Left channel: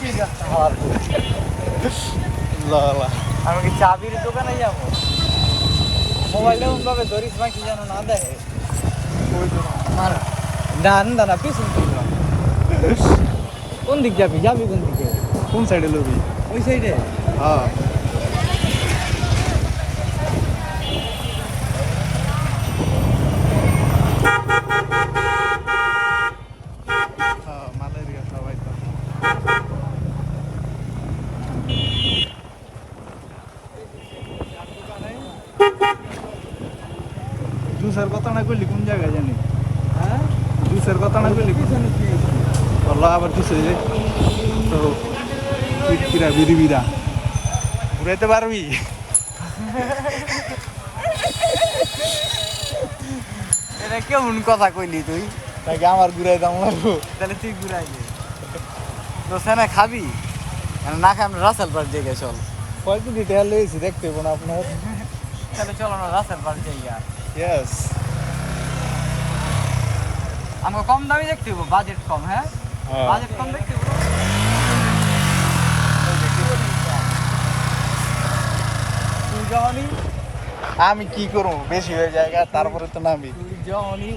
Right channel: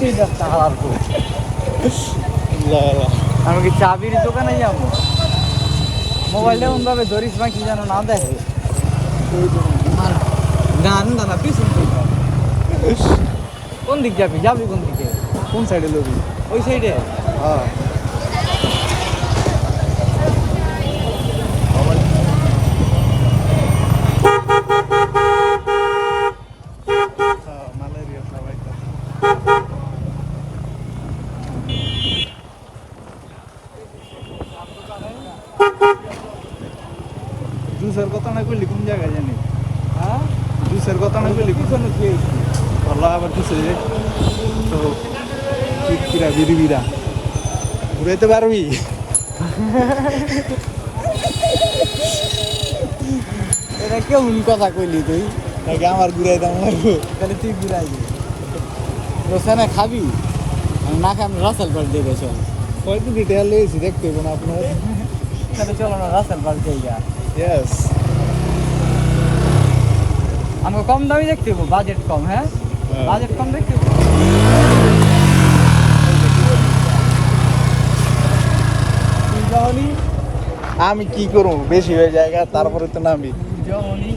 চিনতেই যাচ্ছে না আমি কি চাবির দোকানে যাবো মোবাইলে এমন ভাবে ধরিস না কি জানো না দেখে না না পিছন দিকে কোন দিক যাবি যাবি কোন দিকে কোন সাইডে লবি ওই সাইডে হ্যাঁ ম্যালেরিয়া সবাই জুসের কথা না কইলি কোন জায়গায় জানি হ্যাঁ জুসের কথা না কইলি পিছনে খেয়েছি বললো আবার কিছু তো কিরা বিড়ি বিড়া ঘুরাইতে পারবি এটা কেমন কথা কইলি তুই নাকি আমার ঘুরাই দাম লাগবো তাহলে তুই ঘুরাই দে তো সেনা খাবি আর না খাই আমরা রাসেল পার্ক দিয়ে চল কয়েকদিন ডিটেল লেগেছি দেখতে হবে না আপনার তাহলে চলো না রাসেল পার্ক জায়গা ইয়েস আমাকে কম দামি দেখতে হবো বাজেট কম হ্যাঁ বাজেট কম দেখতে হবো তুই যখনই আমি কি করবো বেশি হয়ে জায়গা তারপরে তো নামি যখনই